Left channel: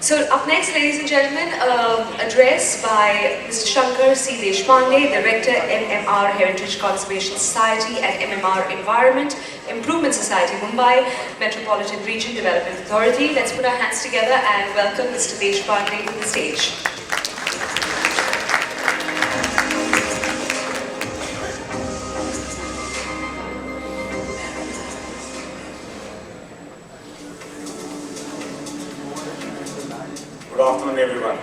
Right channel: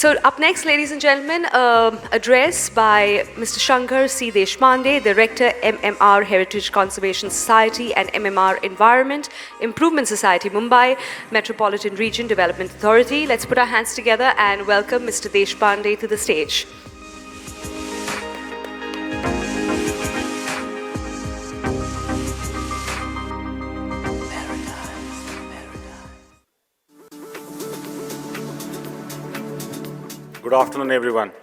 So up next, ladies and gentlemen, address by Mr. Shankar C. Deshpande, Director, MMR-Heritage Conservation Society and MMR-Environment, Improvement Society, Mumbai, Metropolitan Region Development Authority. Let's put our hands together and welcome Mr. Deshpande to the stage. Good afternoon, everyone.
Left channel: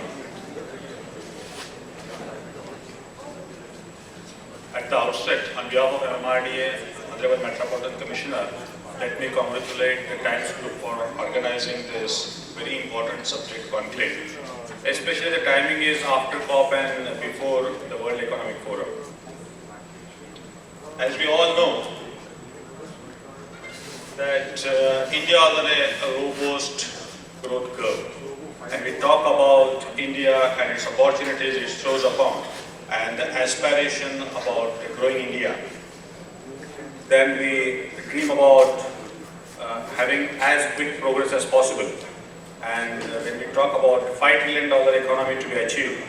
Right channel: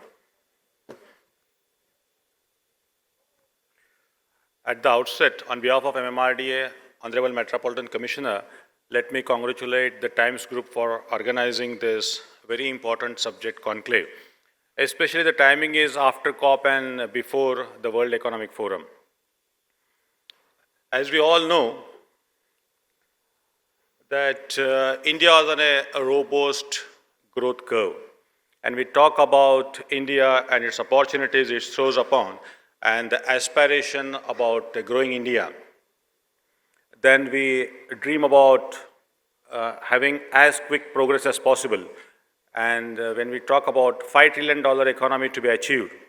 At the outset, on behalf of MMR-DA, Honorable Metropolitan Commissioner, let me congratulate the Times Group for organizing this very important subject conclave. Especially the timing is after COP and before the World Economic Forum. As we all know, that India is on a robust growth curve. And we talk about India and its opportunities it shows upon, and the aspiration about the growing India. Then we dream about having as quick progress as possible. And when we talk about $5 trillion economy to be achieved,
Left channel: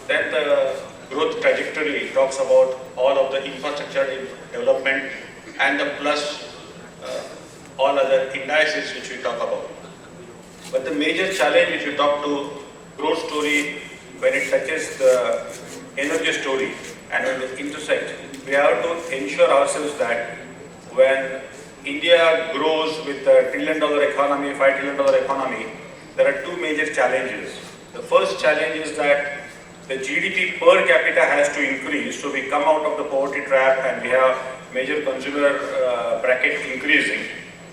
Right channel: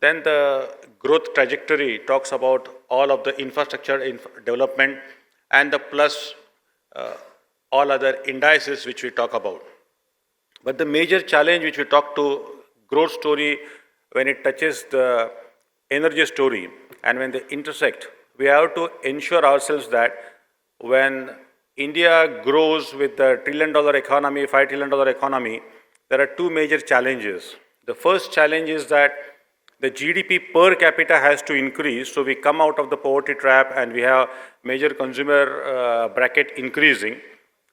then the growth trajectory talks about all of the infrastructure development and the plus all other indices which we talk about. But the major challenge which we talk to growth story when it touches the energy story and when they intersect, we have to ensure ourselves that when India grows with a $1 trillion economy, $5 trillion economy, there are two major challenges. The first challenge is that the GDP per capita has to increase, so we come out of the poverty trap and we have major consumer bracket increasing.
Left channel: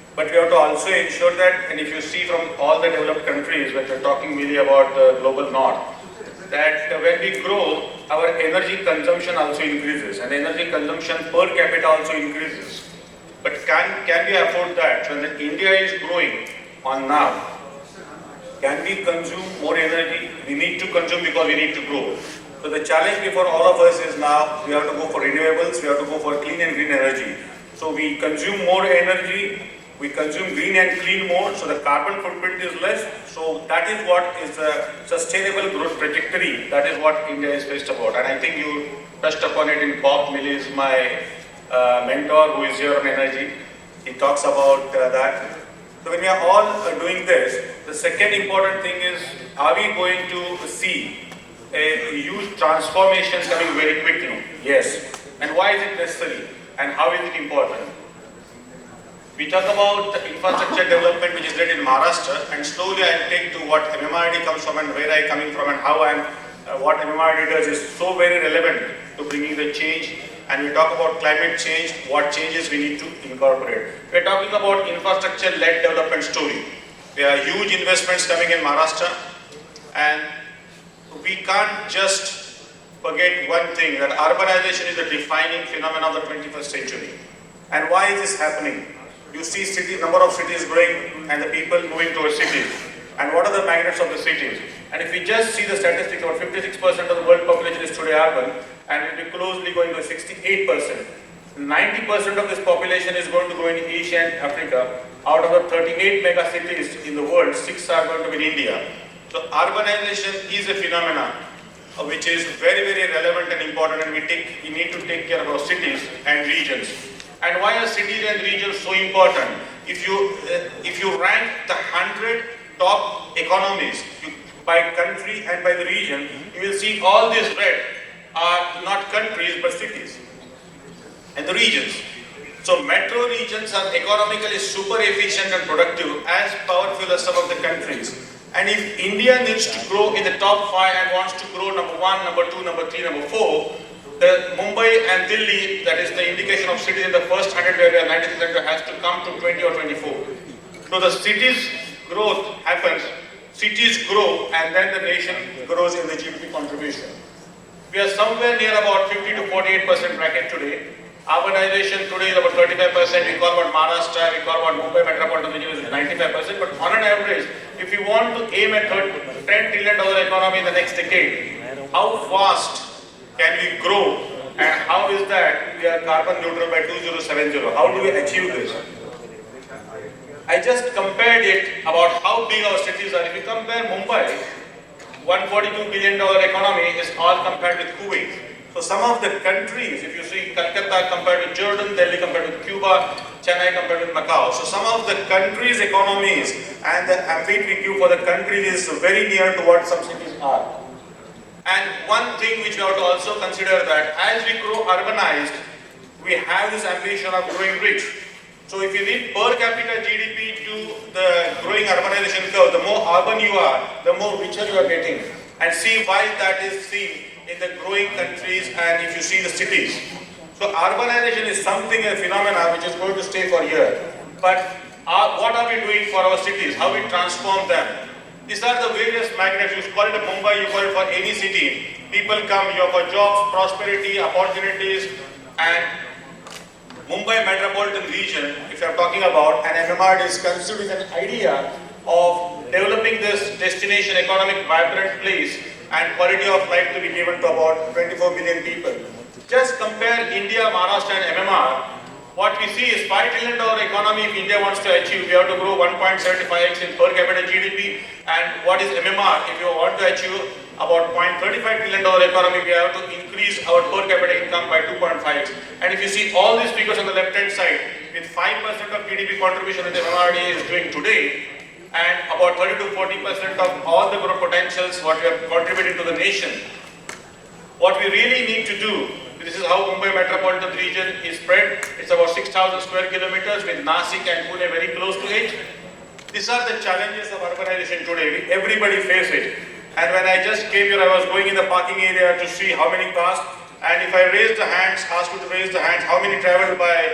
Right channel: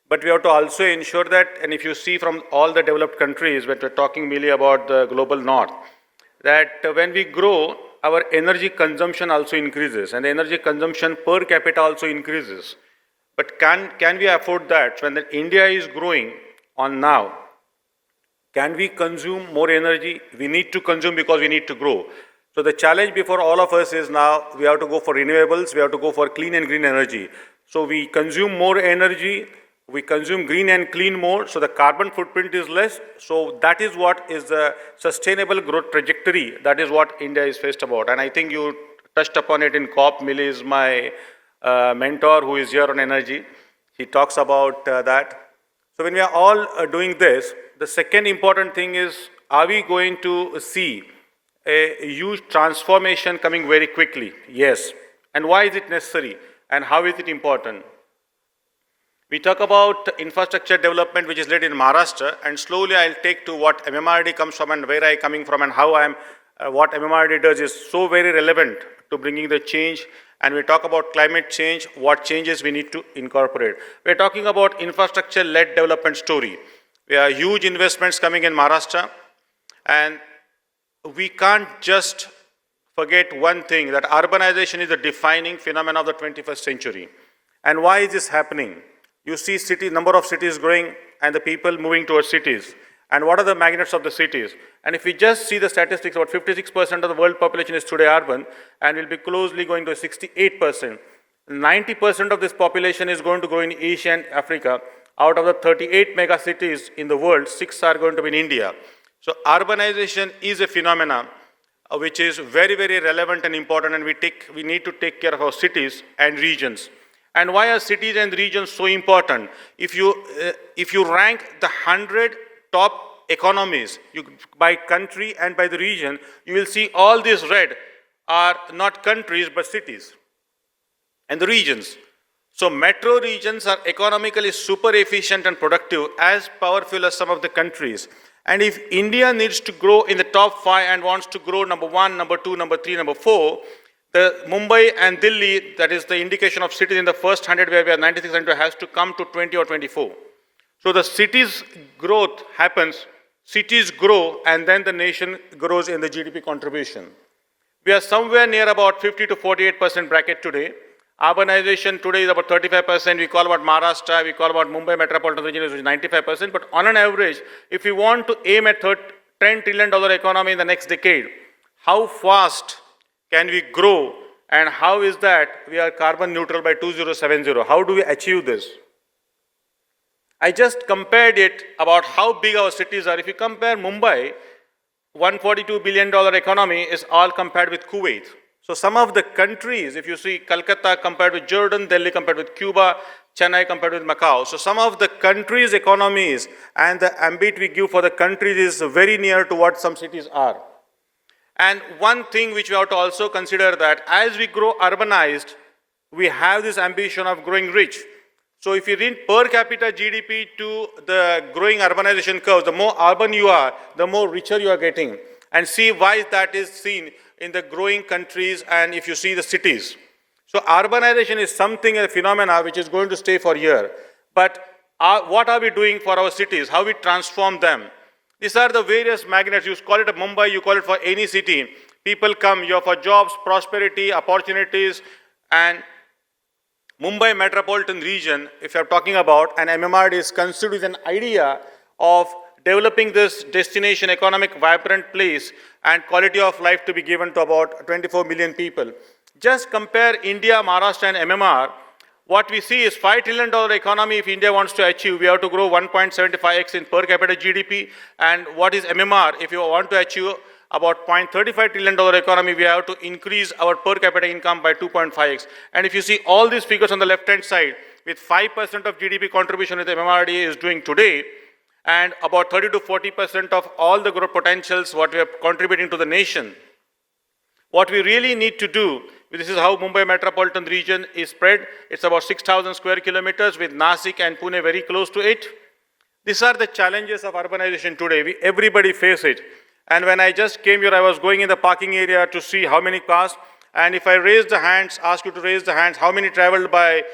But we have to also ensure that, and if you see from all the developed countries, when we're talking mainly about the global north, that when we grow, our energy consumption also increases, and energy consumption per capita also increases. But can we afford that when India is growing on now? Can we consume more energy? We need to consume because we need to grow. So the challenge before all of us is now we have to go for renewables, we have to go for clean and green energy. So we consume more energy, we consume green and clean more, so the carbon footprint is less. So that is what is the sustainable growth trajectory. That is what India is faced about. And I think you touched upon it in COP. Mili is my mentor who is here on energy. He talks about that. So when we are all doing this, the second important thing is, are we going to see a huge transformation coming very quickly? Yes. And why is it necessary? And how is it important? We talk about the infrastructure development which is led in Maharashtra, and slowly I'll take to what MMR-D comes from and where I am coming from and how what MMR-D does is so very relevant to bringing the change. And we talk about climate change, what changes we need to incorporate. We're talking about infrastructure-led development story. There are huge investments coming in Maharashtra, and we can't just forget one thing, that urbanization is a defining phenomenon of the 21st century. And why is this happening? You see number of cities growing and the people moving towards cities. And what are the magnets of the cities? And if we just see the statistics, about 56% of the world population is today urban, and it will be closely going to 68%. 90% of this population is going to go in Asia and Africa. Out of the 38 mega cities in the world, 6 are going to be in India. So urbanization is a phenomenon which is very, very relevant and important, and we need to take care of our cities and regions. And why are cities and regions so important? If you rank the 100 top economies by country and by the region, you will see all these red are not countries but cities and the regions. So metro regions are economically super efficient and productive, as powerful as some of the countries. And if India needs to grow in the top 5 and wants to grow number 1, number 2, number 3, number 4, the Mumbai and Delhi, that is the indication of cities in the first 100 where we are 96, has to come to 20 or 24. So the cities growth happens, cities grow, and then the nation grows in the GDP contribution. We are somewhere near about 50 to 48% bracket today. Urbanization today is about 35%. We call about Maharashtra, we call about Mumbai Metropolitan Region is 95%. But on an average, if we want to aim at $10 trillion economy in the next decade, how fast can we grow, and how is that we are carbon neutral by 2070? How do we achieve this? I just compared it about how big our cities are. If you compare Mumbai, $142 billion economy is all compared with Kuwait. So some of the countries, if you see Calcutta compared to Jordan, Delhi compared to Cuba, Chennai compared with Macau. So some of the countries' economies and the ambit we give for the countries is very near to what some cities are. And one thing which we have to also consider that as we grow urbanized, we have this ambition of growing rich. So if you read per capita GDP to the growing urbanization curve, the more urban you are, the more richer you are getting. And see why that is seen in the growing countries and if you see the cities. So urbanization is something, a phenomenon which is going to stay for years. But what are we doing for our cities? How we transform them? These are the various magnets. You call it Mumbai, you call it for any city. People come here for jobs, prosperity, opportunities, and Mumbai Metropolitan region, if you are talking about, and MMR is considered with an idea of developing this destination economic vibrant place and quality of life to be given to about 24 billion people. Just compare India, Maharashtra and MMR. What we see is $5 trillion economy if India wants to achieve, we have to grow 1.75x in per capita GDP. And what is MMR? If you want to achieve about $0.35 trillion economy, we have to increase our per capita income by 2.5x. And if you see all these figures on the left-hand side, with 5% of GDP contribution that the MMR is doing today, and about 30 to 40% of all the growth potentials what we are contributing to the nation. What we really need to do, this is how Mumbai Metropolitan region is spread. It's about 6,000 square kilometers with Nasik and Pune very close to it. These are the challenges of urbanization today. Everybody faces it. And when I just came here, I was going in the parking area to see how many cars. And if I raise the hands, ask you to raise the hands, how many traveled by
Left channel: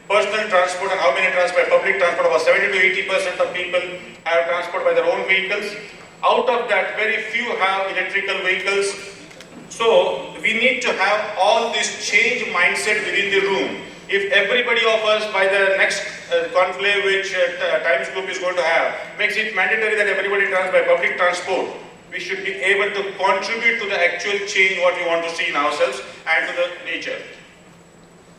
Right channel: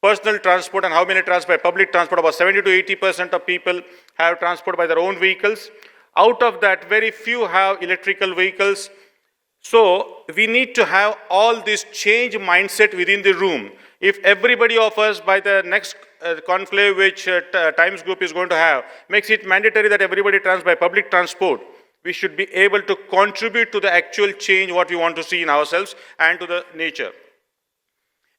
personal transport and how many transport by public transport? About 70 to 80% of people have transport by their own vehicles. Out of that, very few have electrical vehicles. So we need to have all this change mindset within the room. If everybody of us by the next conclave which Times Group is going to have makes it mandatory that everybody travels by public transport, we should be able to contribute to the actual change what we want to see in ourselves and to the nature.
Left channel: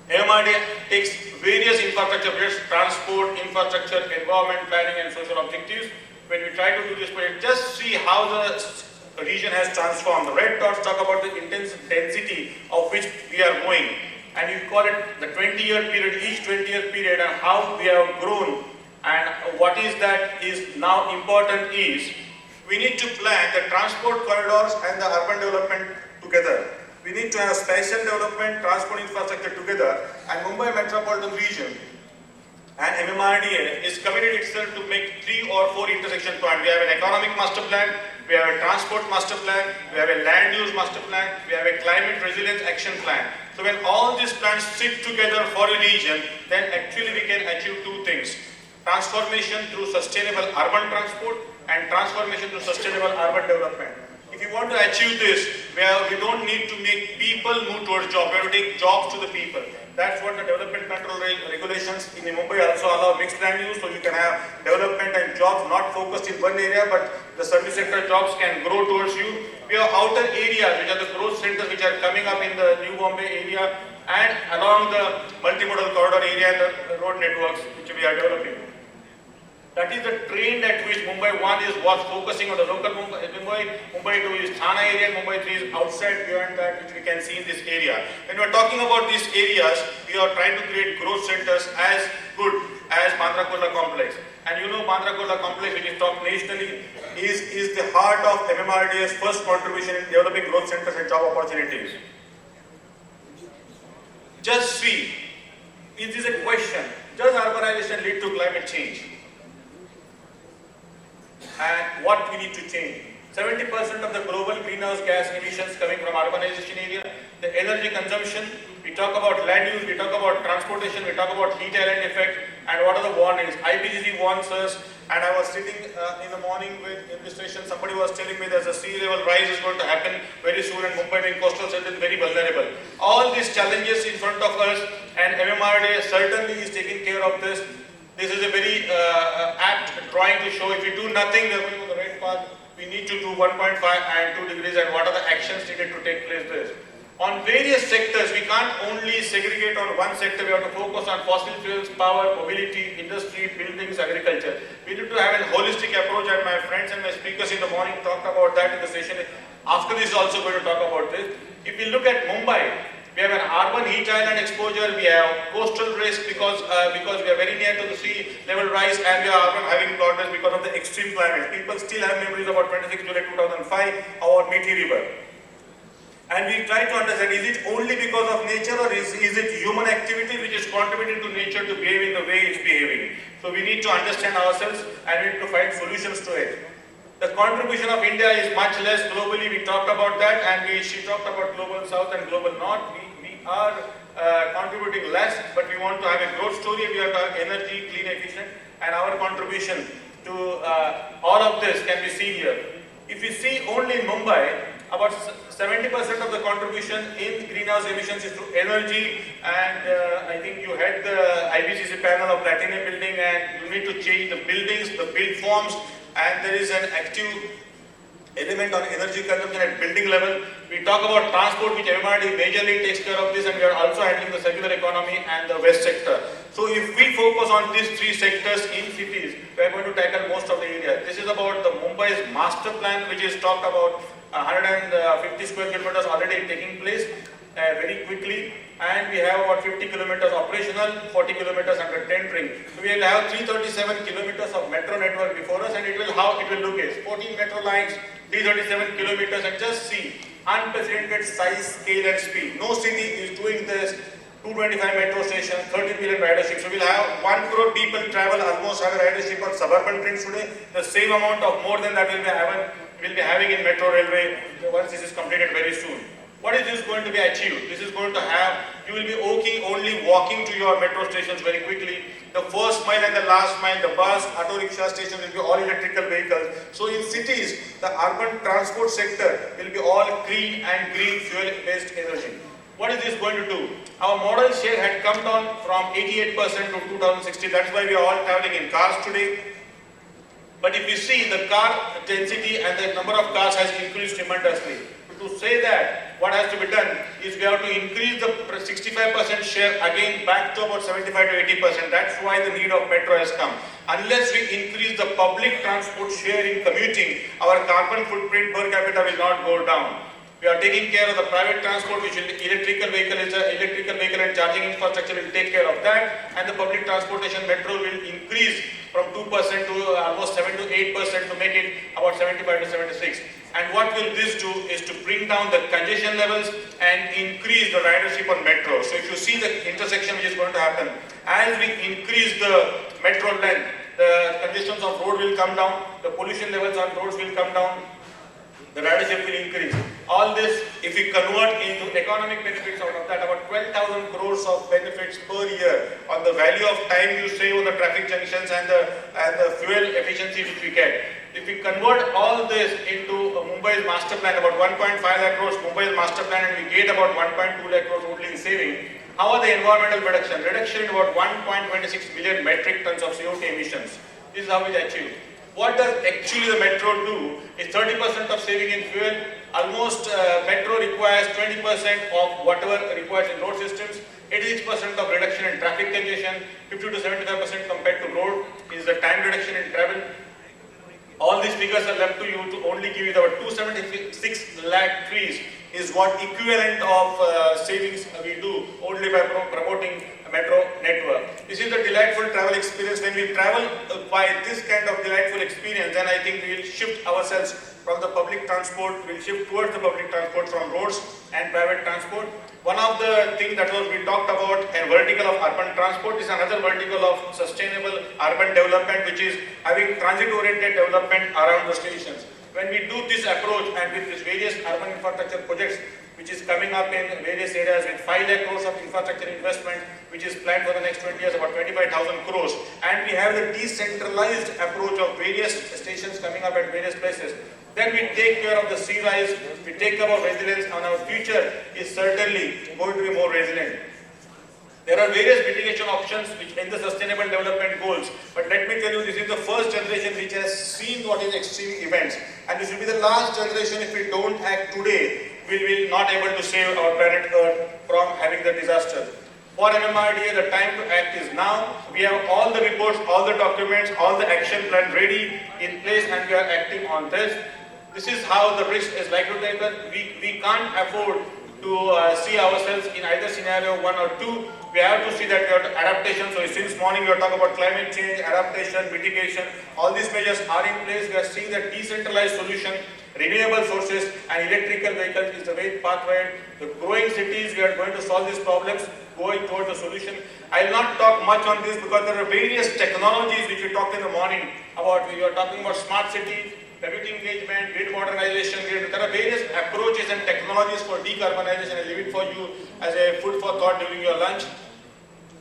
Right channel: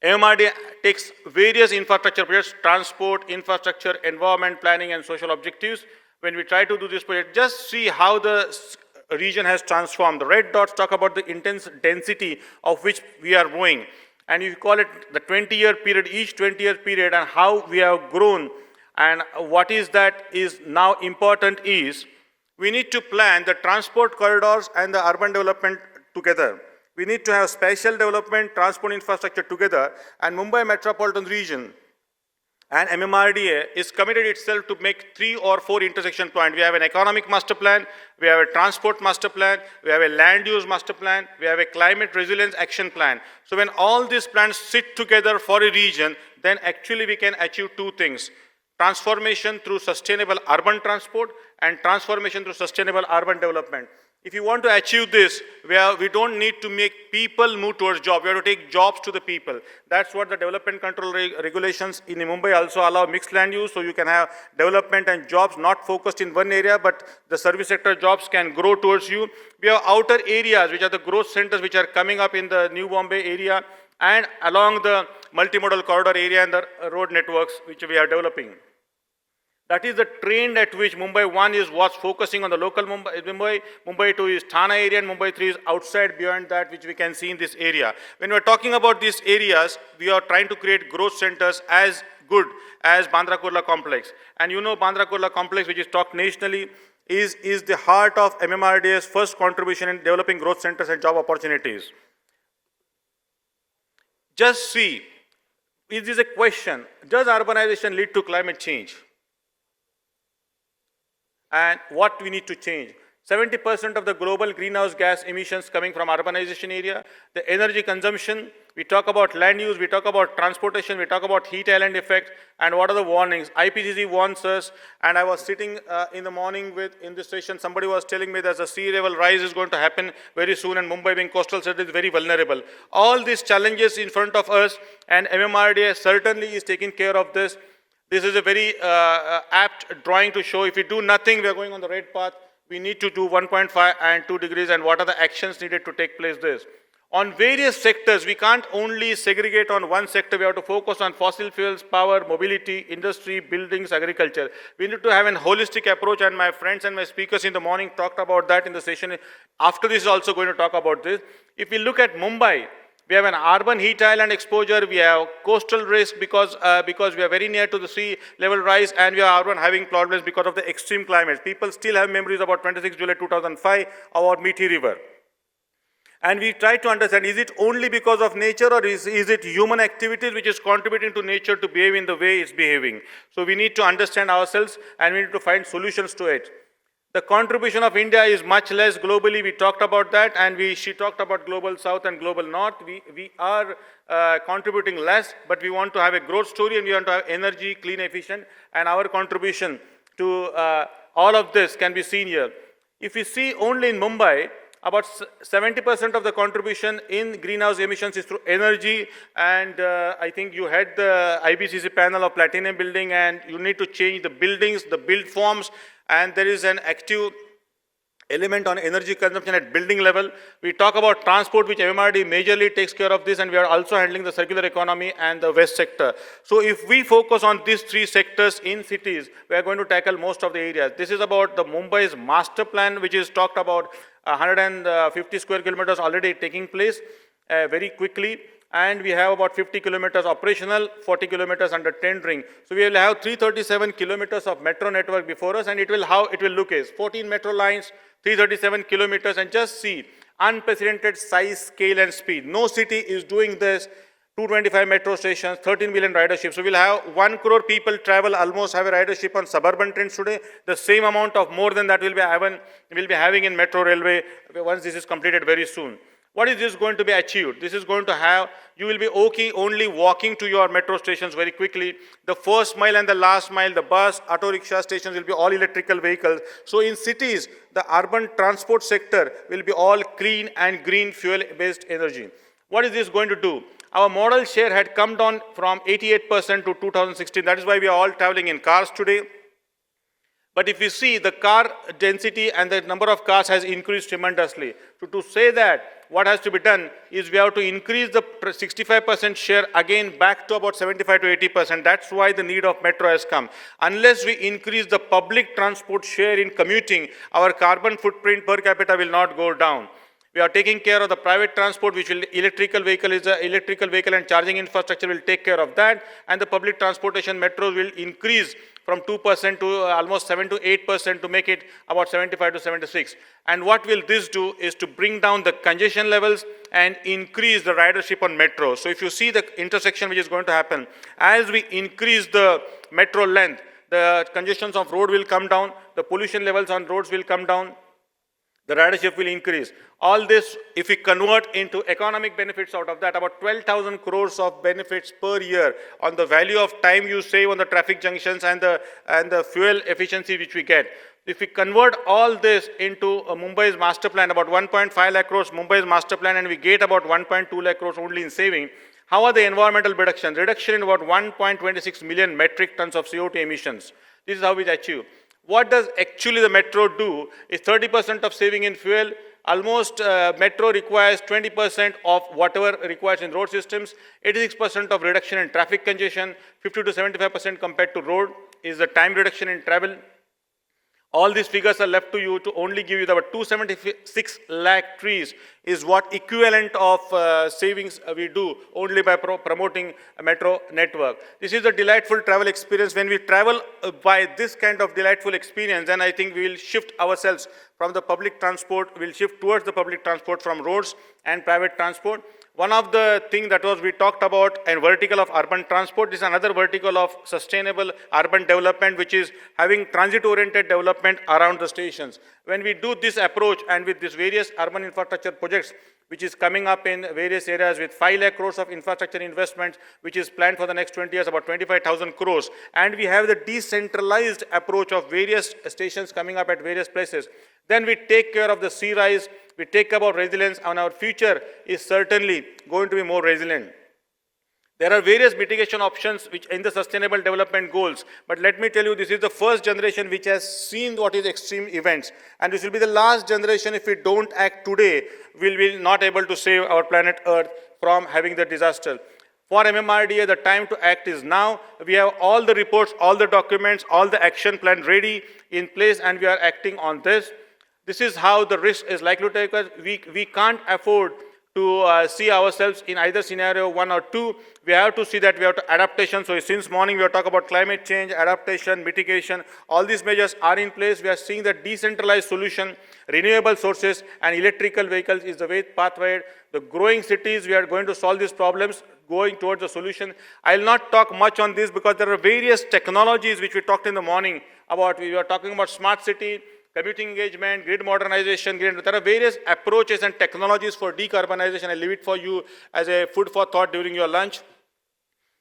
MMR takes various infrastructure projects, transport, infrastructure, environment, planning and social objectives. When we try to do this project, just see how the region has transformed. The red dots talk about the intensity of which we are going. And we call it the 20-year period, each 20-year period and how we have grown. And what is that is now important is we need to plan the transport corridors and the urban development together. We need to have spatial development, transport infrastructure together, and Mumbai Metropolitan region and MMR-DA is committed itself to make 3 or 4 intersection points. We have an economic master plan, we have a transport master plan, we have a land use master plan, we have a climate resilience action plan. So when all these plans sit together for a region, then actually we can achieve 2 things. Transformation through sustainable urban transport and transformation through sustainable urban development. If you want to achieve this, we don't need to make people move towards jobs. We have to take jobs to the people. That's what the development control regulations in Mumbai also allow mixed land use, so you can have development and jobs not focused in one area, but the service sector jobs can grow towards you. We have outer areas, which are the growth centers which are coming up in the New Bombay area and along the multimodal corridor area and the road networks which we are developing. That is the trend at which Mumbai 1 was focusing on the local Mumbai, Mumbai 2 is Thane area, and Mumbai 3 is outside beyond that which we can see in this area. When we are talking about these areas, we are trying to create growth centers as good as Bandra Kurla complex. And you know Bandra Kurla complex, which is talked nationally, is the heart of MMR-DA's first contribution in developing growth centers and job opportunities. Just see, is this a question, does urbanization lead to climate change? And what we need to change. 70% of the global greenhouse gas emissions coming from urbanization area, the energy consumption, we talk about land use, we talk about transportation, we talk about heat island effect, and what are the warnings. IPCC warns us, and I was sitting in the morning in the station, somebody was telling me that the sea level rise is going to happen very soon and Mumbai being coastal city is very vulnerable. All these challenges in front of us, and MMR-DA certainly is taking care of this. This is a very apt drawing to show if we do nothing, we are going on the right path. We need to do 1.5 and 2 degrees and what are the actions needed to take place there. On various sectors, we can't only segregate on one sector. We have to focus on fossil fuels, power, mobility, industry, buildings, agriculture. We need to have a holistic approach, and my friends and my speakers in the morning talked about that in the session. After this, also going to talk about this. If we look at Mumbai, we have an urban heat island exposure, we have coastal risk because we are very near to the sea level rise, and we are urban having problems because of the extreme climate. People still have memories about 26 July 2005, our Meठी River. And we try to understand, is it only because of nature, or is it human activity which is contributing to nature to behave in the way it's behaving? So we need to understand ourselves and we need to find solutions to it. The contribution of India is much less globally. We talked about that, and she talked about global south and global north. We are contributing less, but we want to have a growth story. We want to have energy, clean, efficient, and our contribution to all of this can be seen here. If you see only in Mumbai, about 70% of the contribution in greenhouse emissions is through energy, and I think you had the IBCC panel of platinum building, and you need to change the buildings, the build forms, and there is an active element on energy consumption at building level. We talk about transport, which MMR majorly takes care of this, and we are also handling the circular economy and the waste sector. So if we focus on these three sectors in cities, we are going to tackle most of the area. This is about the Mumbai's master plan, which is talked about 150 square kilometers already taking place very quickly, and we have about 50 kilometers operational, 40 kilometers under tendering. So we will have 337 kilometers of metro network before us, and it will look at 14 metro lines, 337 kilometers, and just see unprecedented size, scale, and speed. No city is doing this. 225 metro stations, 13 million ridership. So we will have 1 crore people travel, almost have a ridership on suburban trains today. The same amount of more than that will be having in metro railway once this is completed very soon. What is this going to be achieved? This is going to have, you will be only walking to your metro stations very quickly. The first mile and the last mile, the bus, auto rickshaw stations will be all electrical vehicles. So in cities, the urban transport sector will be all clean and green fuel-based energy. What is this going to do? Our modal share had come down from 88% to 2060. That's why we are all traveling in cars today. But if you see, the car density and the number of cars has increased tremendously. To say that, what has to be done is we have to increase the 65% share again back to about 75 to 80%. That's why the need of metro has come. Unless we increase the public transport share in commuting, our carbon footprint per capita will not go down. We are taking care of the private transport, which will electrical vehicle and charging infrastructure will take care of that, and the public transportation metros will increase from 2% to almost 7 to 8% to make it about 75 to 76. And what will this do is to bring down the congestion levels and increase the ridership on metro. So if you see the intersection which is going to happen, as we increase the metro length, the congestions of road will come down, the pollution levels on roads will come down, the ridership will increase. All this, if we convert into economic benefits out of that, about 12,000 crores of benefits per year on the value of time you save on the traffic junctions and the fuel efficiency which we get. If we convert all this into Mumbai's master plan, about 1.5 lakh crores Mumbai's master plan, and we get about 1.2 lakh crores only in saving, how are the environmental reduction? Reduction in about 1.26 million metric tons of CO2 emissions. This is how we achieve. What does actually the metro do? Is 30% of saving in fuel. Almost metro requires 20% of whatever required in road systems. 86% of reduction in traffic congestion. 50 to 75% compared to road is the time reduction in travel. All these figures are left to you to only give you about 276 lakh trees is what equivalent of savings we do only by promoting a metro network. This is a delightful travel experience. When we travel by this kind of delightful experience, then I think we will shift ourselves from the public transport, we'll shift towards the public transport from roads and private transport. One of the things that we talked about, a vertical of urban transport, is another vertical of sustainable urban development, which is having transit-oriented development around the stations. When we do this approach and with these various urban infrastructure projects, which is coming up in various areas with 5 lakh crores of infrastructure investment, which is planned for the next 20 years, about 25,000 crores, and we have the decentralized approach of various stations coming up at various places, then we take care of the sea rise, we take care of resilience, and our future is certainly going to be more resilient. There are various mitigation options which in the sustainable development goals, but let me tell you, this is the first generation which has seen what is extreme events, and this will be the last generation. If we don't act today, we will be not able to save our planet Earth from having the disaster. For MMR-DA, the time to act is now. We have all the reports, all the documents, all the action plan ready in place, and we are acting on this. This is how the risk is likely to take us. We can't afford to see ourselves in either scenario 1 or 2. We have to see that we have adaptation. So since morning we are talking about climate change, adaptation, mitigation. All these measures are in place. We are seeing that decentralized solution, renewable sources and electrical vehicles is the way pathway. The growing cities, we are going to solve these problems going towards a solution. I will not talk much on this because there are various technologies which we talked in the morning about. We are talking about smart city, community engagement, grid modernization. There are various approaches and technologies for decarbonization. I leave it for you as a food for thought during your lunch.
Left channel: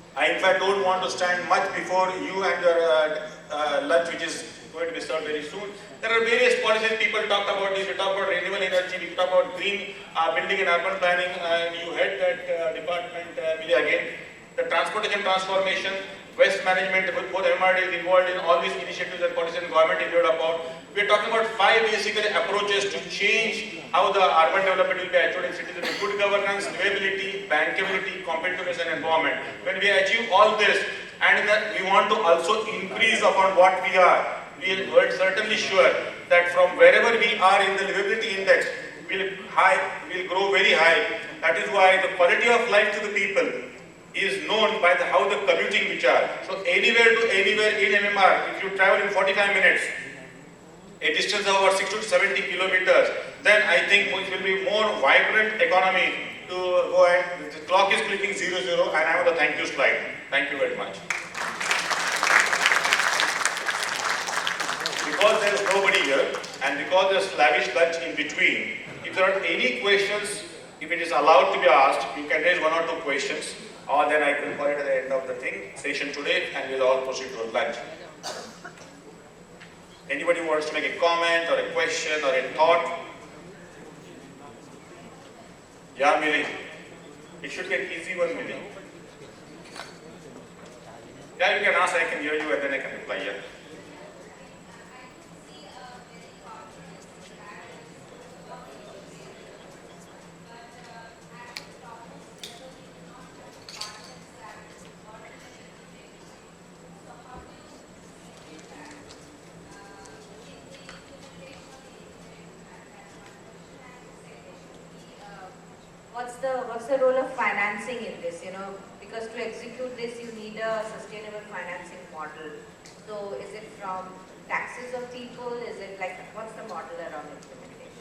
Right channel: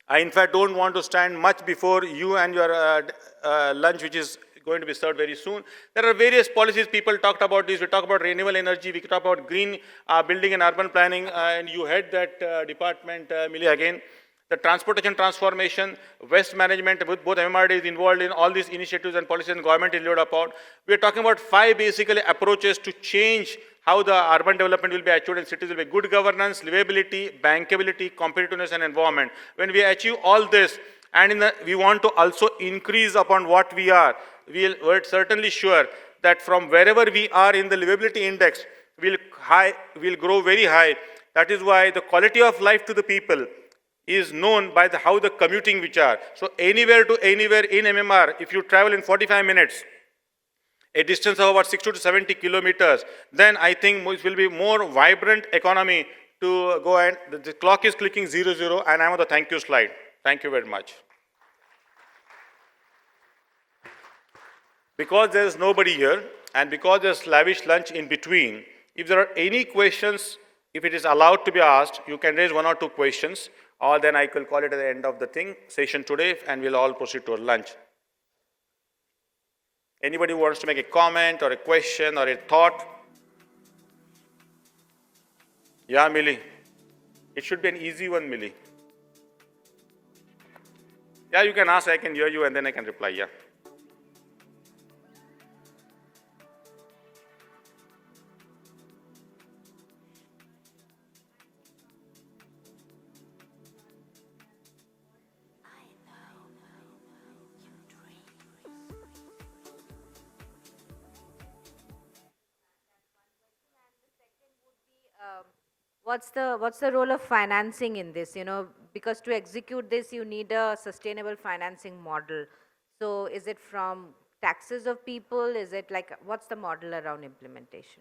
I in fact don't want to stand much before you and your lunch, which is going to be served very soon. There are various policies people talked about this. We talked about renewable energy, we talked about green building and urban planning, and you head that department, Millie, again. The transportation transformation, waste management, with both MMR is involved in all these initiatives and policies the government is involved upon. We are talking about 5 basically approaches to change how the urban development will be achieved in cities with good governance, livability, bankability, competitiveness and environment. When we achieve all this, and we want to also increase upon what we are are certainly sure that from wherever we are in the livability index, will grow very high. That is why the quality of life to the people is known by how the commuting which are. So anywhere to anywhere in MMR, if you travel in 45 minutes, a distance of about 60 to 70 kilometers, then I think it will be more vibrant economy to go ahead. The clock is clicking 00 and I have the thank you slide. Thank you very much. Because there is nobody here and because there is lavish lunch in between, if there are any questions, if it is allowed to be asked, you can raise 1 or 2 questions, or then I can call it at the end of the session today and we'll all proceed to our lunch. Anybody who wants to make a comment or a question or a thought? Yeah, Millie. It should be an easy one, Millie. Yeah, you can ask, I can hear you and then I can reply, yeah. What's the role of financing in this? You know, because to execute this, you need a sustainable financing model. So, is it from taxes of people? Is it like what's the model around implementation?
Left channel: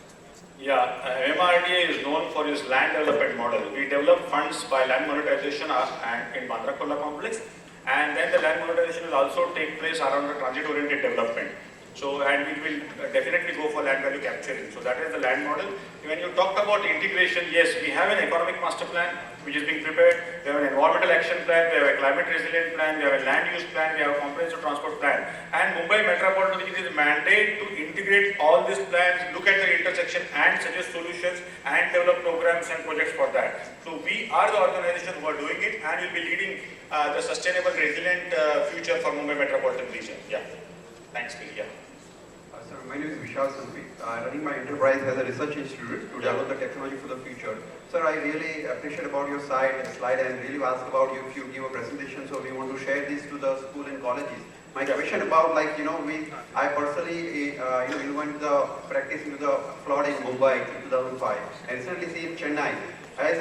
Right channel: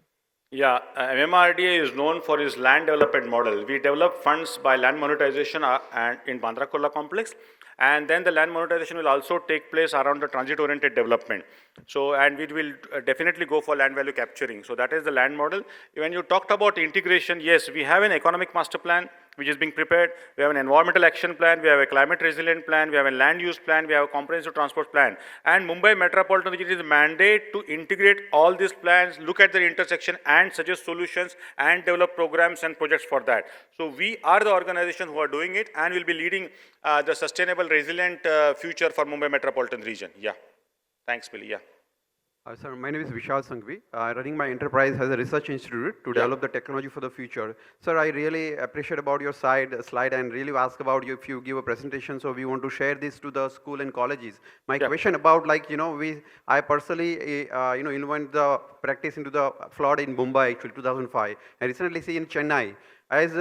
Yeah, MMR-DA is known for its land development model. We develop funds by land monetization and in Bandrakola complex, and then the land monetization will also take place around the transit-oriented development. So, and we will definitely go for land value capturing. So that is the land model. When you talked about integration, yes, we have an economic master plan which is being prepared. We have an environmental action plan, we have a climate resilient plan, we have a land use plan, we have a comprehensive transport plan. And Mumbai Metropolitan, which is mandate to integrate all these plans, look at the intersection and suggest solutions and develop programs and projects for that. So we are the organization who are doing it and will be leading the sustainable resilient future for Mumbai Metropolitan region. Yeah. Thanks, Billy. Yeah. Sir, my name is Vishal Sanghvi. Running my enterprise as a research institute to develop the technology for the future. Sir, I really appreciate about your slide and really asked about you if you give a presentation, so we want to share this to the school and colleges. My question about I personally involved the practice into the flood in Mumbai in 2005 and recently see in Chennai. As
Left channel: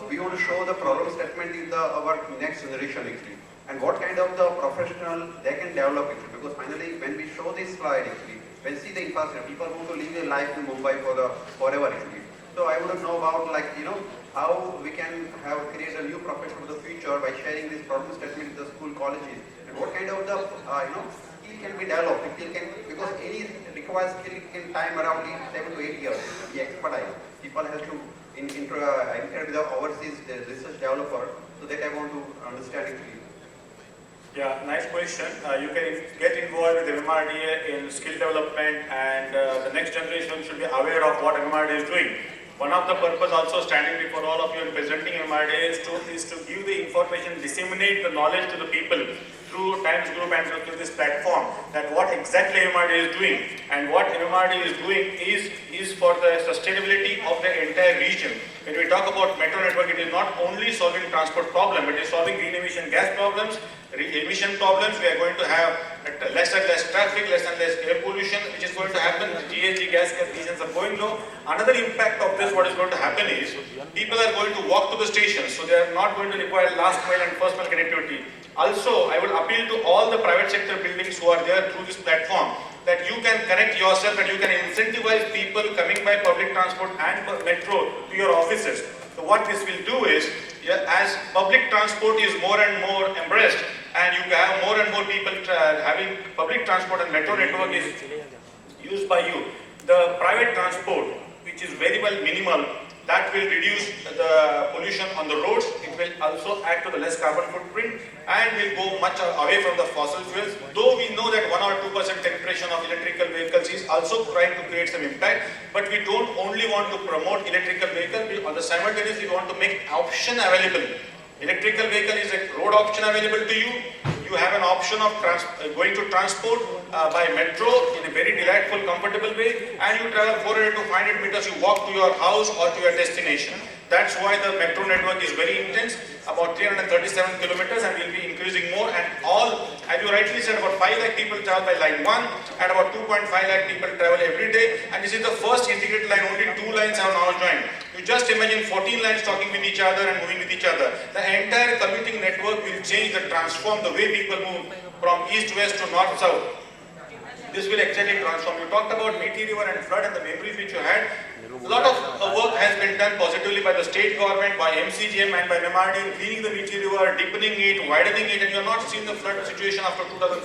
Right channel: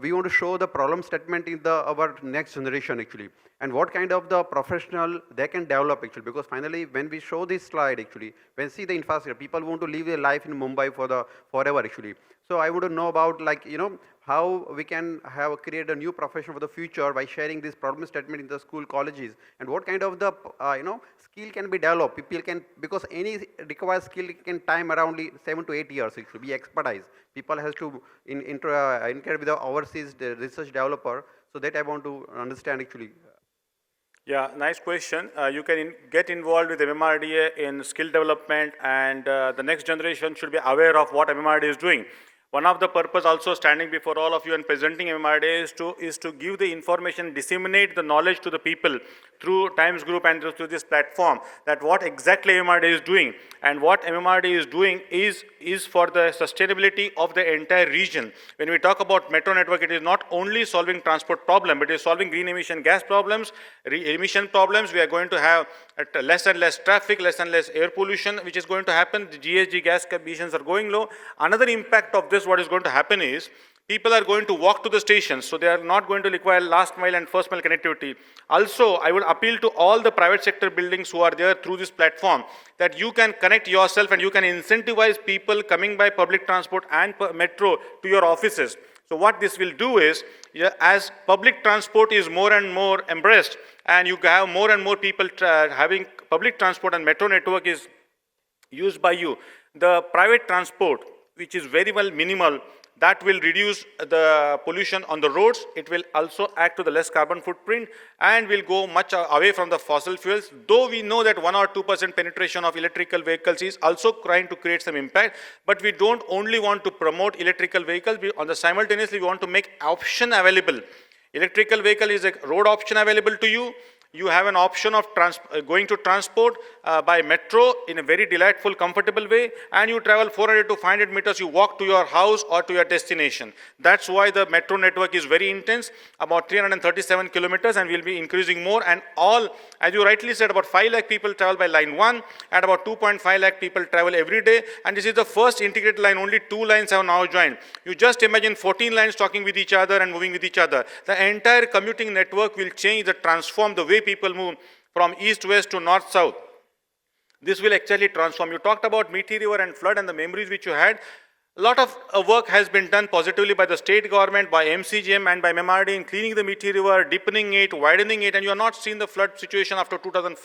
we want to show the problem statement in our next generation actually. And what kind of the professional they can develop actually, because finally when we show this slide actually, when we see the infrastructure, people want to live their life in Mumbai forever actually. So I want to know about how we can create a new profession for the future by sharing this problem statement in the school colleges, and what kind of the skill can be developed. Because any requires skill in time around 7 to 8 years to be expertise. People have to interact with the overseas research developer, so that I want to understand actually. Yeah, nice question. You can get involved with MMR-DA in skill development, and the next generation should be aware of what MMR-DA is doing. One of the purpose also standing before all of you and presenting MMR-Day is to give the information, disseminate the knowledge to the people through Times Group and through this platform, that what exactly MMR-Day is doing, and what MMR-Day is doing is for the sustainability of the entire region. When we talk about metro network, it is not only solving transport problem, it is solving green emission gas problems, emission problems. We are going to have less and less traffic, less and less air pollution, which is going to happen. GHG gas emissions are going low. Another impact of this, what is going to happen is, people are going to walk to the stations, so they are not going to require last mile and first mile connectivity. Also, I would appeal to all the private sector buildings who are there through this platform, that you can connect yourself and you can incentivize people coming by public transport and metro to your offices. So what this will do is, as public transport is more and more embraced, and you have more and more people having public transport and metro network is used by you, the private transport, which is very well minimal, that will reduce the pollution on the roads. It will also add to the less carbon footprint and will go much away from the fossil fuels. Though we know that 1 or 2% penetration of electrical vehicles is also trying to create some impact, but we don't only want to promote electrical vehicles, simultaneously we want to make option available. Electrical vehicle is a road option available to you. You have an option of going to transport by metro in a very delightful, comfortable way, and you travel 400 to 500 meters, you walk to your house or to your destination. That's why the metro network is very intense, about 337 kilometers, and will be increasing more. And all, as you rightly said, about 5 lakh people travel by line 1, and about 2.5 lakh people travel every day. And this is the first integrated line, only 2 lines have now joined. You just imagine 14 lines talking with each other and moving with each other. The entire commuting network will change and transform the way people move from east-west to north-south. This will actually transform. You talked about VT river and flood and the memories which you had. A lot of work has been done positively by the state government, by MCGM and by MMR-Day, cleaning the VT river, deepening it, widening it, and you are not seeing the flood situation after 2005,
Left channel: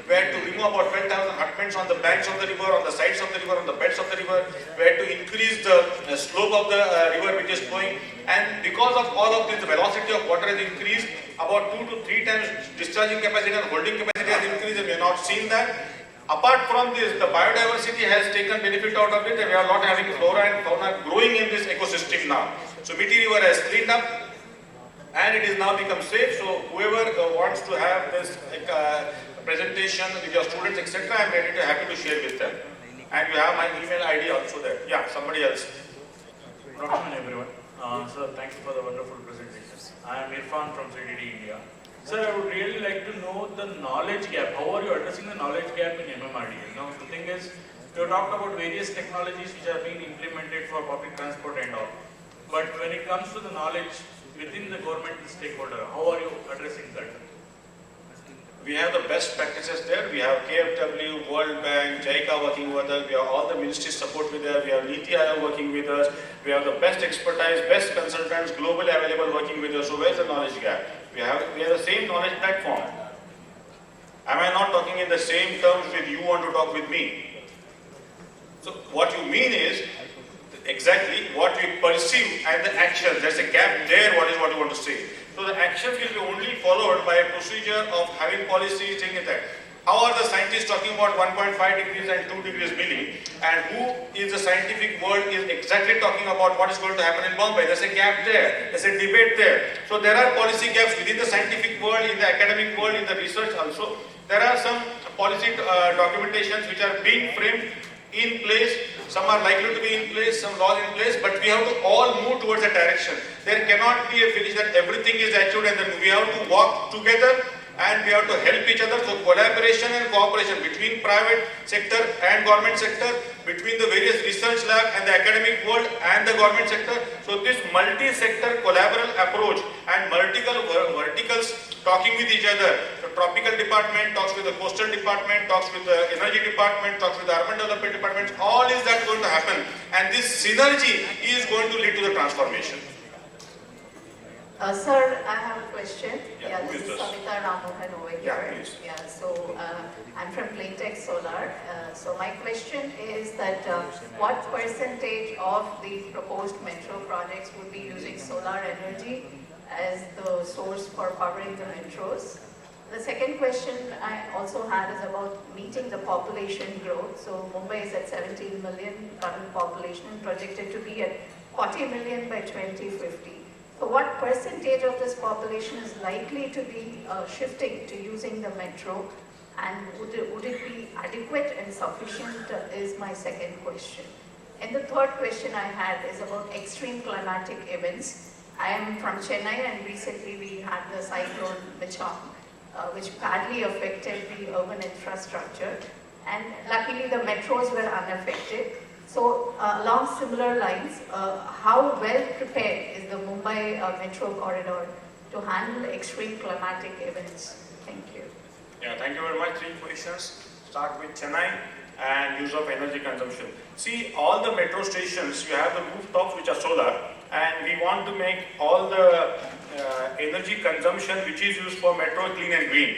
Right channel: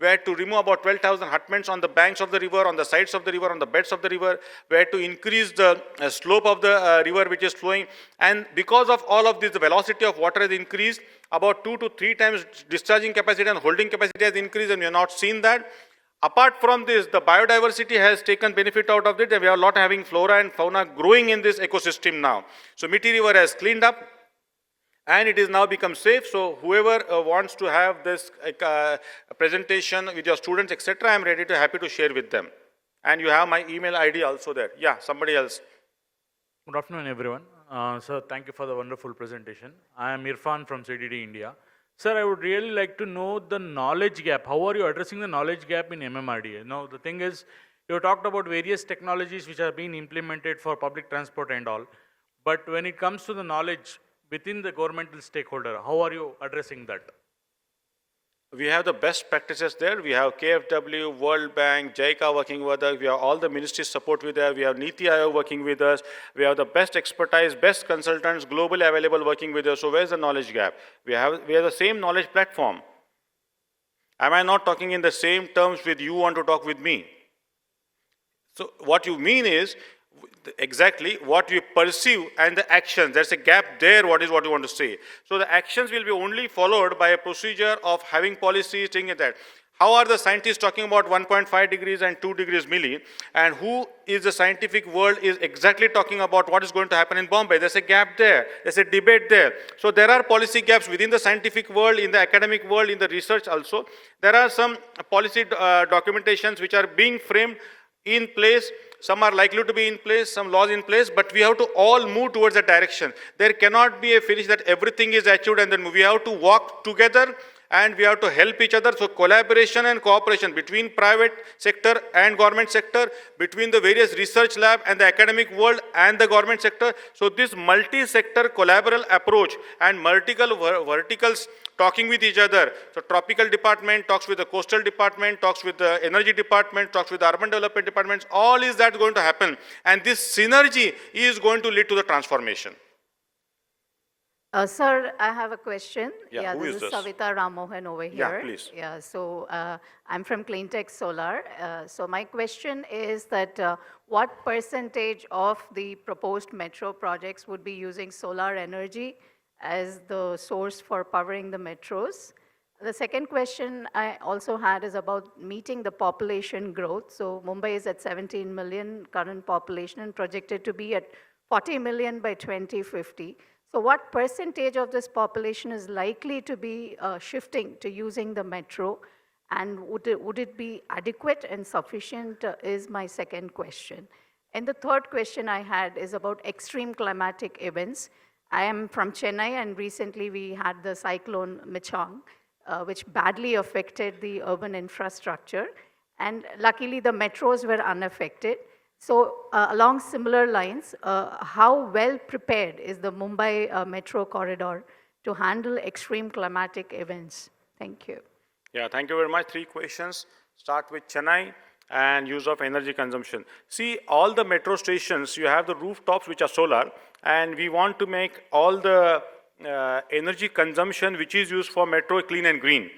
where to remove about 12,000 hutments on the banks of the river, on the sides of the river, on the beds of the river, where to increase the slope of the river which is flowing. And because of all of this, the velocity of water has increased, about 2 to 3 times discharging capacity and holding capacity has increased, and we have not seen that. Apart from this, the biodiversity has taken benefit out of it. We are not having flora and fauna growing in this ecosystem now. So Miti River has cleaned up and it is now become safe. So whoever wants to have this presentation with your students, etc., I am ready to happy to share with them. And you have my email ID also there. Yeah, somebody else. Good afternoon, everyone. Sir, thank you for the wonderful presentation. I am Irfan from CDD India. Sir, I would really like to know the knowledge gap. How are you addressing the knowledge gap in MMR-Day? You know, the thing is, you talked about various technologies which are being implemented for public transport and all. But when it comes to the knowledge within the government stakeholder, how are you addressing that? We have the best practices there. We have KFW, World Bank, JICA working with us. We have all the ministries support with us. We have Niti Aayog working with us. We have the best expertise, best consultants globally available working with us. So where's the knowledge gap? We have the same knowledge platform. Am I not talking in the same terms with you want to talk with me? So what you mean is exactly what we perceive and the action. There's a gap there, what you want to say. So the action will be only followed by a procedure of having policies taking that. How are the scientists talking about 1.5 degrees and 2 degrees milli, and who is the scientific world is exactly talking about what is going to happen in Bombay? There's a gap there, there's a debate there. So there are policy gaps within the scientific world, in the academic world, in the research also. There are some policy documentations which are being framed in place. Some are likely to be in place, some laws in place, but we have to all move towards that direction. There cannot be a finish that everything is achieved, and then we have to walk together and we have to help each other. So collaboration and cooperation between private sector and government sector, between the various research lab and the academic world and the government sector. So this multi-sector collaborative approach and verticals talking with each other. The tropical department talks with the coastal department, talks with the energy department, talks with the urban development department. All is that going to happen, and this synergy is going to lead to the transformation. Sir, I have a question. Yeah, who is this is this? Savita Ramohan over here. Yeah, please. Yeah, so I'm from Cleantech Solar. So my question is that what percentage of the proposed metro projects would be using solar energy as the source for powering the metros? The second question I also had is about meeting the population growth. So Mumbai is at 17 million current population, projected to be at 40 million by 2050. So what percentage of this population is likely to be shifting to using the metro, and would it be adequate and sufficient is my second question. And the third question I had is about extreme climatic events. I am from Chennai, and recently we had the cyclone Micham, which badly affected the urban infrastructure, and luckily the metros were unaffected. So along similar lines, how well prepared is the Mumbai metro corridor to handle extreme climatic events? Thank you. Yeah, thank you very much. 3 questions. Start with Chennai and use of energy consumption. See, all the metro stations, you have the rooftops which are solar, and we want to make all the energy consumption which is used for metro clean and green.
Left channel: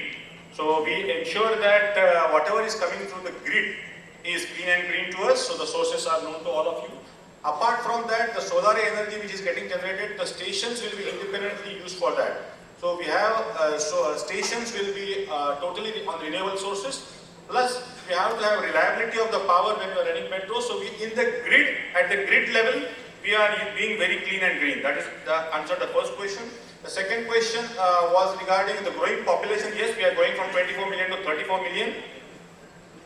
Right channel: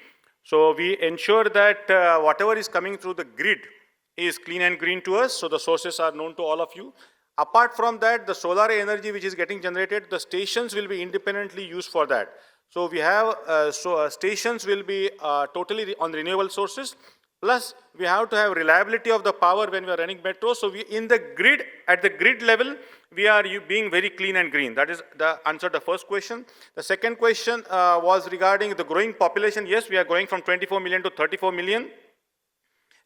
So we ensure that whatever is coming through the grid is clean and green to us, so the sources are known to all of you. Apart from that, the solar energy which is getting generated, the stations will be independently used for that. So we have, stations will be totally on renewable sources, plus we have to have reliability of the power when we are running metro. So we, in the grid, at the grid level, we are being very clean and green. That is the answer to the first question. The second question was regarding the growing population. Yes, we are going from 24 million to 34 million,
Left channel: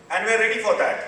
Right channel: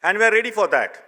and we are ready for that.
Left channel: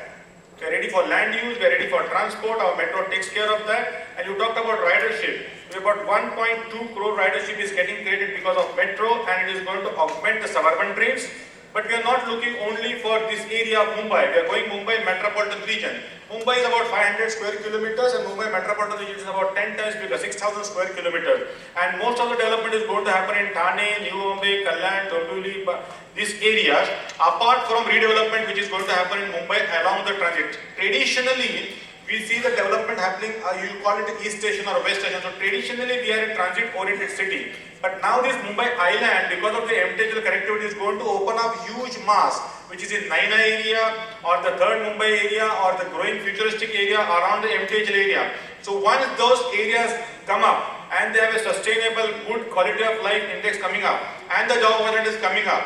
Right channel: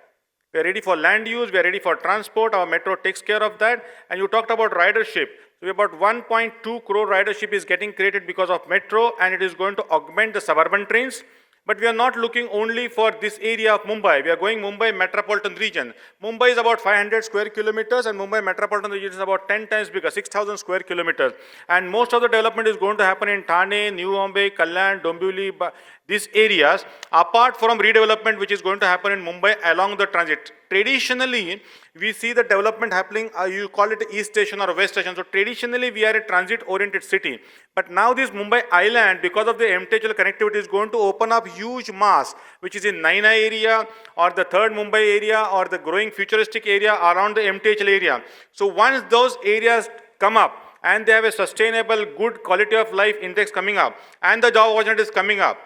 We are ready for land use, we are ready for transport, our metro takes care of that. And you talked about ridership. We about 1.2 crore ridership is getting created because of metro, and it is going to augment the suburban trains. But we are not looking only for this area of Mumbai. We are going Mumbai Metropolitan region. Mumbai is about 500 square kilometers, and Mumbai Metropolitan region is about 10 times bigger, 6,000 square kilometers. And most of the development is going to happen in Thane, New Mumbai, Kalyan, Dombivli, these areas, apart from redevelopment which is going to happen in Mumbai along the transit. Traditionally, we see the development happening, you call it East Station or West Station. So traditionally, we are a transit-oriented city. But now this Mumbai Island, because of the MTHL connectivity, is going to open up huge mass, which is in Naina area, or the third Mumbai area, or the growing futuristic area around the MTHL area. So once those areas come up, and they have a sustainable, good quality of life index coming up, and the job opportunity is coming up,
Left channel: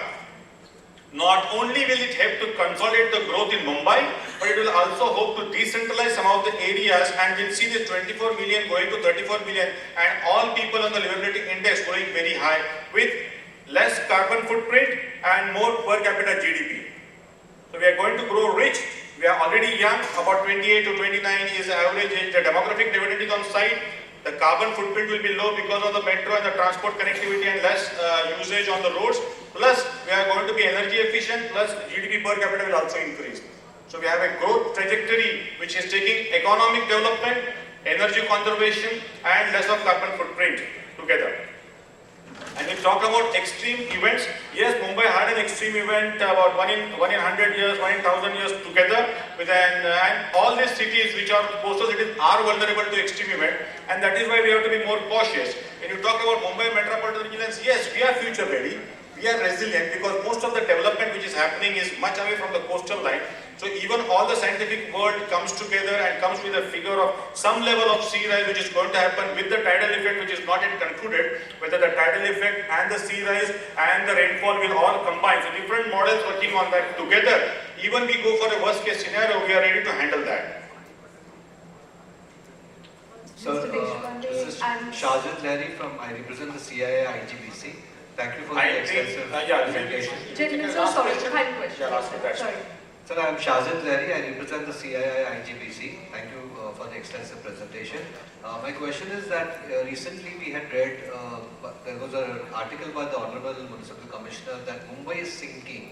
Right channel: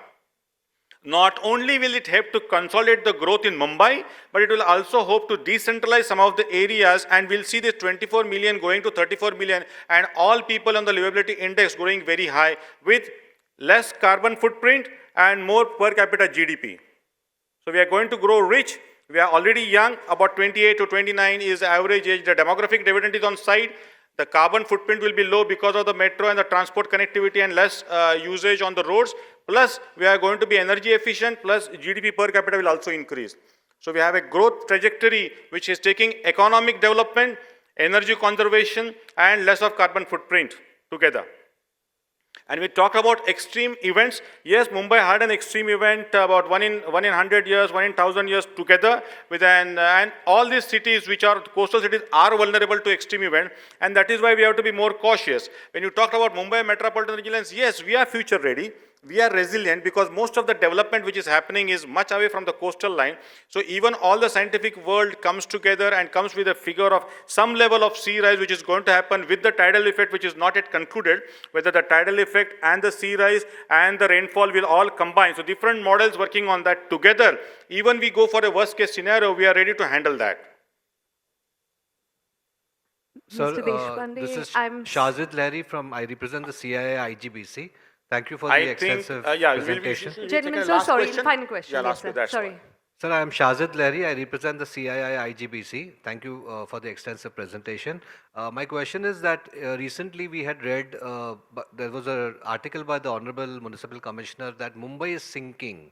not only will it help to consolidate the growth in Mumbai, but it will also hope to decentralize some of the areas, and we'll see this 24 million going to 34 million, and all people on the livability index going very high with less carbon footprint and more per capita GDP. So we are going to grow rich. We are already young, about 28 to 29 is the average age. The demographic dividend is on site. The carbon footprint will be low because of the metro and the transport connectivity and less usage on the roads. Plus, we are going to be energy efficient, plus GDP per capita will also increase. So we have a growth trajectory which is taking economic development, energy conservation, and less of carbon footprint together. And we talk about extreme events. Yes, Mumbai had an extreme event about one in 100 years, 1 in 1,000 years together with and all these cities which are coastal cities are vulnerable to extreme event, and that is why we have to be more cautious. When you talk about Mumbai Metropolitan Vigilance, yes, we are future ready. We are resilient because most of the development which is happening is much away from the coastal line. So even all the scientific world comes together and comes with a figure of some level of sea rise which is going to happen with the tidal effect which is not yet concluded, whether the tidal effect and the sea rise and the rainfall will all combine. So different models working on that together. Even we go for a worst case scenario, we are ready to handle that. Sir, this is Shazid Lahiri I represent the CII IGBC. Thank you for the extensive presentation. Gentlemen, so sorry, final question. Yeah, sorry. Sir, I am Shazid Lahiri. I represent the CII IGBC. Thank you for the extensive presentation. My question is that recently we had read, there was an article by the Honorable Municipal Commissioner that Mumbai is sinking.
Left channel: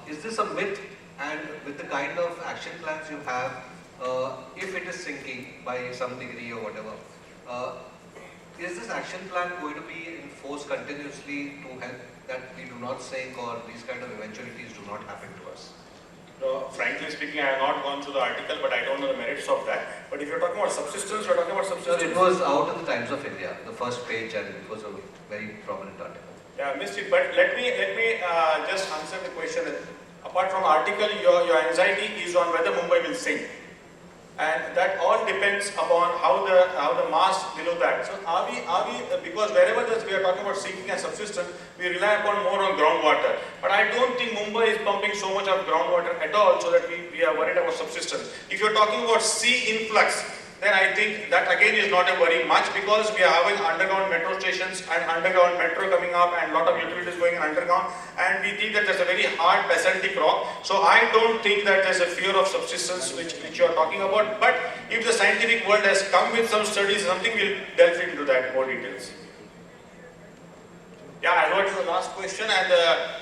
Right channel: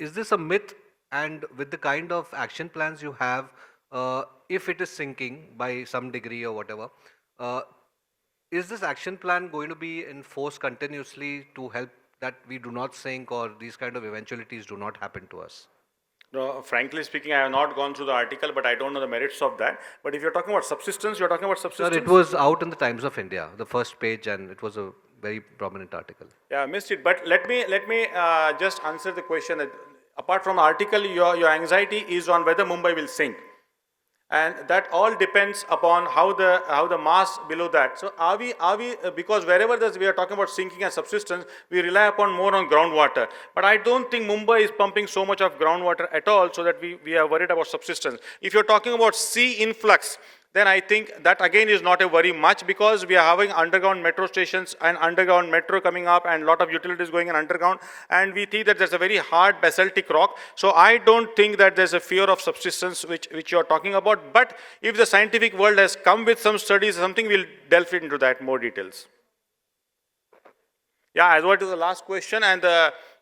Is this a myth? And with the kind of action plans you have, if it is sinking by some degree or whatever, is this action plan going to be enforced continuously to help that we do not sink or these kind of eventualities do not happen to us? No, frankly speaking, I have not gone through the article, but I don't know the merits of that. But if you're talking about subsistence, you're talking about subsistence. Sir, it was out in the Times of India, the first page, and it was a very prominent article. Yeah, I missed it. But let me just answer the question. Apart from the article, your anxiety is on whether Mumbai will sink. And that all depends upon how the mass below that. So are we because wherever we are talking about sinking and subsidence, we rely upon more on groundwater. But I don't think Mumbai is pumping so much of groundwater at all, so that we are worried about subsidence. If you're talking about sea influx, then I think that again is not a worry much, because we are having underground metro stations and underground metro coming up and a lot of utilities going in underground, and we see that there's a very hard basaltic rock. So I don't think that there's a fear of subsidence which you are talking about. But if the scientific world has come with some studies, something we'll delve into that in more details. Yeah, I got the last question, and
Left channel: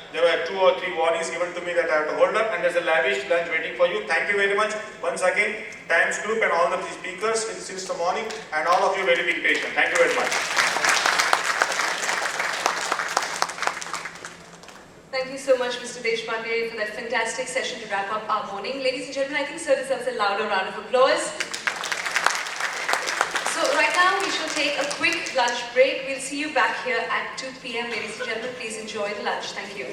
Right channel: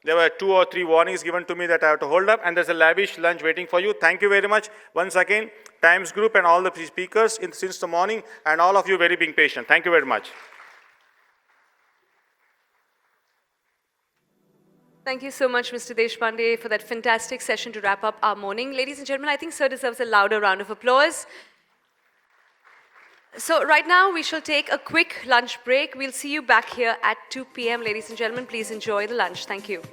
there were 2 or 3 warnings given to me that I have to hold up, and there's a lavish lunch waiting for you. Thank you very much once again, Times Group and all the speakers since the morning, and all of you very big patient. Thank you very much. Thank you so much, Mr. Deshpande, for that fantastic session to wrap up our morning. Ladies and gentlemen, I think sir deserves a louder round of applause. So right now we shall take a quick lunch break. We'll see you back here at 2 p.m. Ladies and gentlemen, please enjoy the lunch. Thank you.